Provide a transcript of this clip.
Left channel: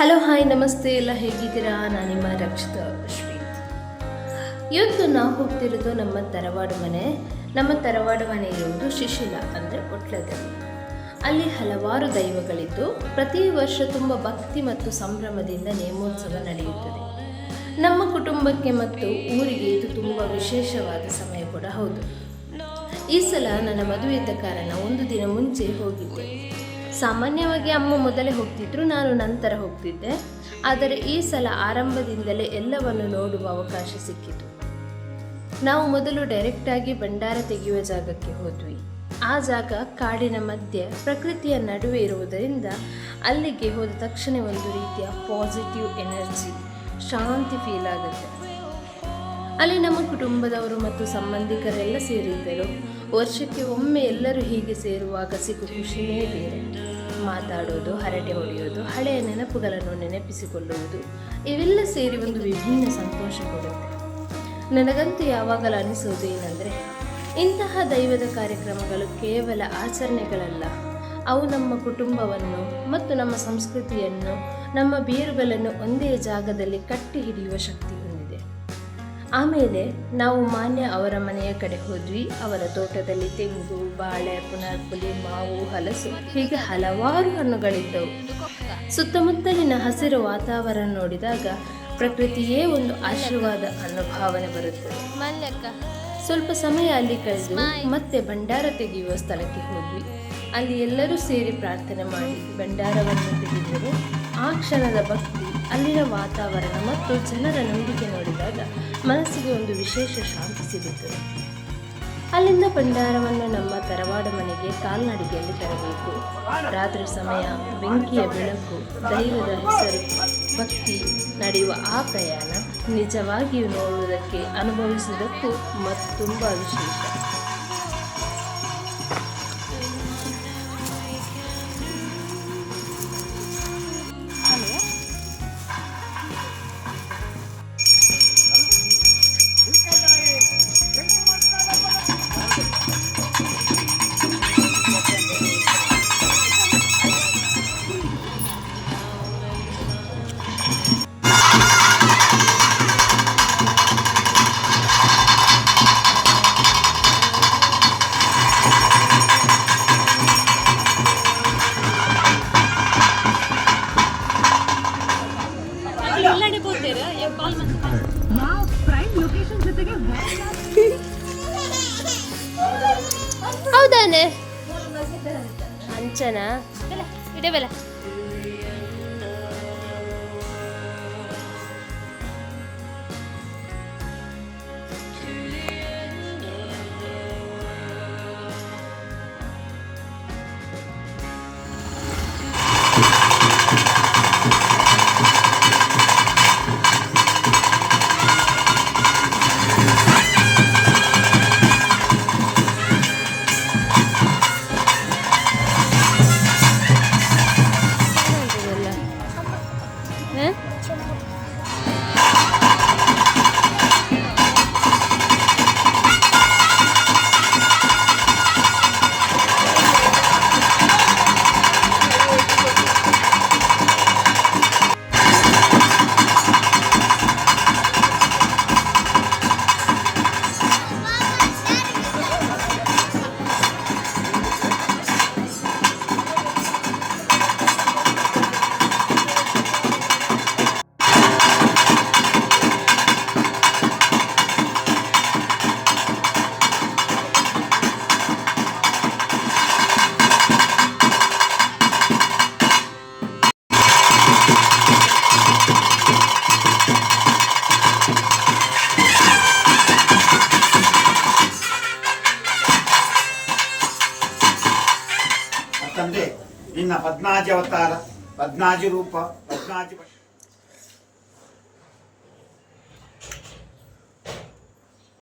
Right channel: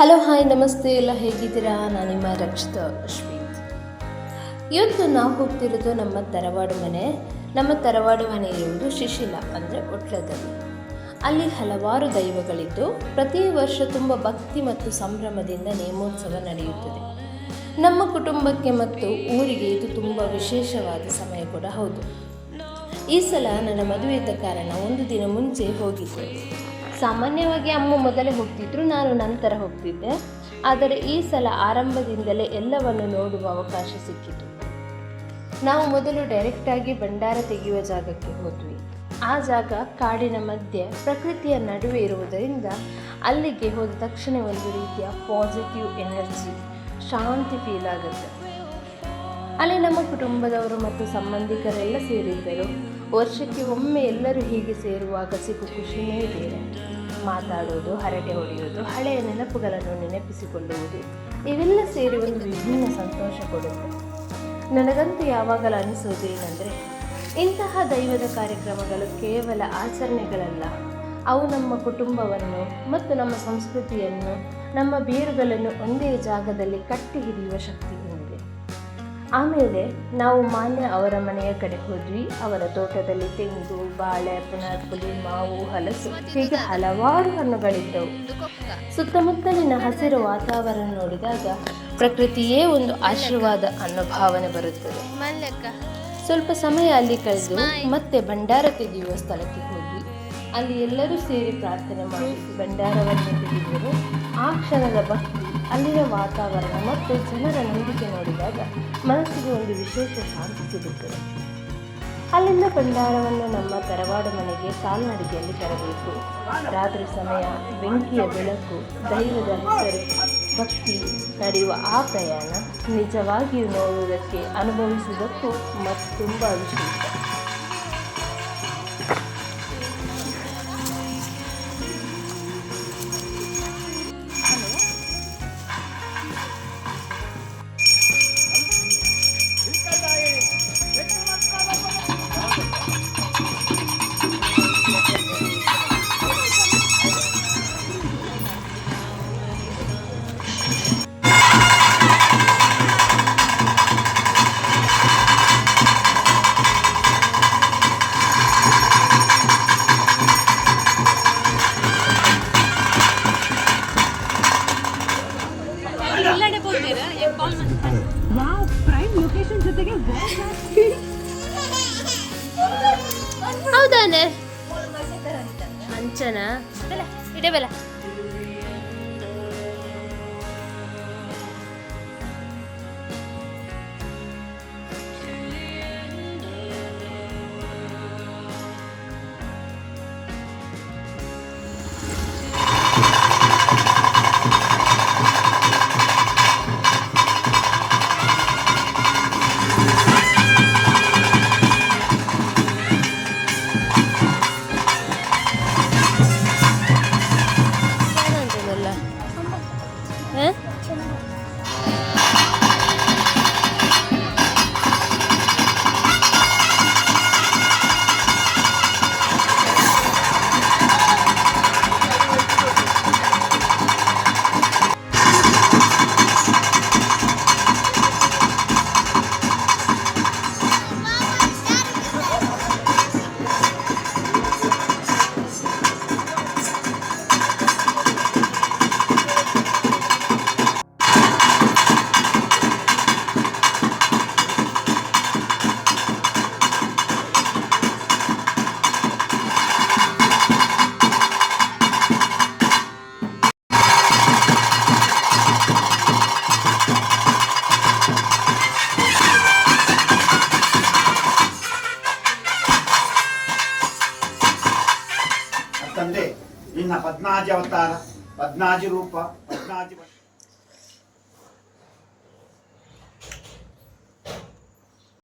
Hello hi ನಮಸ್ತೆ, ಎಲ್ಲ ಹೇಗಿದ್ದೀರಾ? ನಾನು ನಿಮ್ಮ ರಕ್ಷಿತಾ ಅಶ್ವಿನ್. ಇವತ್ತು ನಾವು ಹೋಗ್ತಿರೋದು ನಮ್ಮ ತರವಾಡು ಮನೆ. ನಮ್ಮ ತರವಾಡು ಮನೆ ಇರುವುದು ಶಿಶಿಲ ಅಂದರೆ ಒಟ್ಲದಲ್ಲಿ. ಅಲ್ಲಿ ಹಲವಾರು ದೈವಗಳಿದ್ದು ಪ್ರತಿ ವರ್ಷ ತುಂಬ ಭಕ್ತಿ ಮತ್ತು ಸಂಭ್ರಮದಿಂದ ನೇಮೋತ್ಸವ ನಡೆಯುತ್ತದೆ. ನಮ್ಮ ಕುಟುಂಬಕ್ಕೆ ಮತ್ತು ಊರಿಗೆ ಇದು ತುಂಬ ವಿಶೇಷವಾದ ಸಮಯ ಕೂಡ ಹೌದು. ಈ ಸಲ ನನ್ನ ಮದುವೆ ಇದ್ದ ಕಾರಣ ಒಂದು ದಿನ ಮುಂಚೆ ಹೋಗಿದ್ದೆ. ಸಾಮಾನ್ಯವಾಗಿ ಅಮ್ಮ ಮೊದಲೇ ಹೋಗ್ತಿದ್ರು, ನಾನು ನಂತರ ಹೋಗ್ತಿದ್ದೆ. ಆದರೆ ಈ ಸಲ ಆರಂಭದಿಂದಲೇ ಎಲ್ಲವನ್ನು ನೋಡುವ ಅವಕಾಶ ಸಿಕ್ಕಿತು. ನಾವು ಮೊದಲು ಡೈರೆಕ್ಟಾಗಿ ಭಂಡಾರ ತೆಗೆಯುವ ಜಾಗಕ್ಕೆ ಹೋದ್ವಿ. ಆ ಜಾಗ ಕಾಡಿನ ಮಧ್ಯೆ ಪ್ರಕೃತಿಯ ನಡುವೆ ಇರುವುದರಿಂದ ಅಲ್ಲಿಗೆ ಹೋದ ತಕ್ಷಣ ಒಂದು ರೀತಿಯ ಪಾಸಿಟಿವ್ ಎನರ್ಜಿ, ಶಾಂತಿ ಫೀಲ್ ಆಗುತ್ತೆ. ಅಲ್ಲಿ ನಮ್ಮ ಕುಟುಂಬದವರು ಮತ್ತು ಸಂಬಂಧಿಕರೆಲ್ಲ ಸೇರಿದ್ದರು. ವರ್ಷಕ್ಕೆ ಒಮ್ಮೆ ಎಲ್ಲರೂ ಹೀಗೆ ಸೇರುವಾಗ ಸಿಗು ಖುಷಿಯೇ ಬೇರೆ. ಮಾತಾಡೋದು, ಹರಟೆ ಹೊಡೆಯೋದು, ಹಳೆಯ ನೆನಪುಗಳನ್ನು ನೆನಪಿಸಿಕೊಳ್ಳುವುದು, ಇವೆಲ್ಲ ಸೇರಿ ಒಂದು ವಿಭಿನ್ನ ಸಂತೋಷ ಕೊಡುತ್ತೆ. ನನಗಂತೂ ಯಾವಾಗಲೂ ಅನಿಸೋದು ಏನಂದರೆ, ಇಂತಹ ದೈವದ ಕಾರ್ಯಕ್ರಮಗಳು ಕೇವಲ ಆಚರಣೆಗಳಲ್ಲ, ಅವು ನಮ್ಮ ಕುಟುಂಬವನ್ನು ಮತ್ತು ನಮ್ಮ ಸಂಸ್ಕೃತಿಯನ್ನು, ನಮ್ಮ ಬೇರುಗಳನ್ನು ಒಂದೇ ಜಾಗದಲ್ಲಿ ಕಟ್ಟಿ ಹಿಡಿಯುವ ಶಕ್ತಿ ಹೊಂದಿದೆ. ಆಮೇಲೆ ನಾವು ಮಾನ್ಯ ಅವರ ಮನೆಯ ಕಡೆ ಹೋದ್ವಿ. ಅವರ ತೋಟದಲ್ಲಿ ತೆಂಗು, ಬಾಳೆ, ಪುನರ್ಪುಲಿ, ಮಾವು, ಹಲಸು ಹೀಗೆ ಹಲವಾರು ಹಣ್ಣುಗಳಿದ್ದವು. ಸುತ್ತಮುತ್ತಲಿನ ಹಸಿರು ವಾತಾವರಣ ನೋಡಿದಾಗ ಪ್ರಕೃತಿಯೇ ಒಂದು ಆಶೀರ್ವಾದ ಅನ್ನೋ ಭಾವನೆ ಬರುತ್ತದೆ. ಸ್ವಲ್ಪ ಸಮಯ ಅಲ್ಲಿ ಕಳೆದು ಮತ್ತೆ ಭಂಡಾರ ತೆಗೆಯುವ ಸ್ಥಳಕ್ಕೆ ಹೋದ್ವಿ. ಅಲ್ಲಿ ಎಲ್ಲರೂ ಸೇರಿ ಪ್ರಾರ್ಥನೆ ಮಾಡಿ ಭಂಡಾರವನ್ನು ತೆಗೆದರು. ಆ ಕ್ಷಣದ ಭಕ್ತಿ, ಅಲ್ಲಿನ ವಾತಾವರಣ ಮತ್ತು ಜನರ ನಂಬಿಕೆ ನೋಡಿದಾಗ ಮನಸ್ಸಿಗೆ ಒಂದು ವಿಶೇಷ ಶಾಂತಿ ಸಿಗುತ್ತದೆ. ಅಲ್ಲಿಂದ ಭಂಡಾರವನ್ನು ನಮ್ಮ ತರವಾಡು ಮನೆಗೆ ಕಾಲ್ನಡಿಗೆಯಲ್ಲಿ ತರಬೇಕು. ರಾತ್ರಿ ಸಮಯ, ಬೆಂಕಿಯ ಬೆಳಕು, ದೈವದ ಹೆಸರು, ಭಕ್ತಿ ನಡೆಯುವ ಆ ಪ್ರಯಾಣ ನಿಜವಾಗಿಯೂ ನೋಡುವುದಕ್ಕೆ, ಅನುಭವಿಸುವುದಕ್ಕೂ ಮತ್ತು ತುಂಬ ವಿಶೇಷ. ಹೌದಾನೆ ಅಂಚನಾ ಇಡಬೇಲ. ತಂದೆ ನಿನ್ನ ಪದ್ಮಾಜಿ ಅವತಾರ, ಪದ್ಮಾಜಿ ರೂಪ, ಪದ್ಮಾಜಿ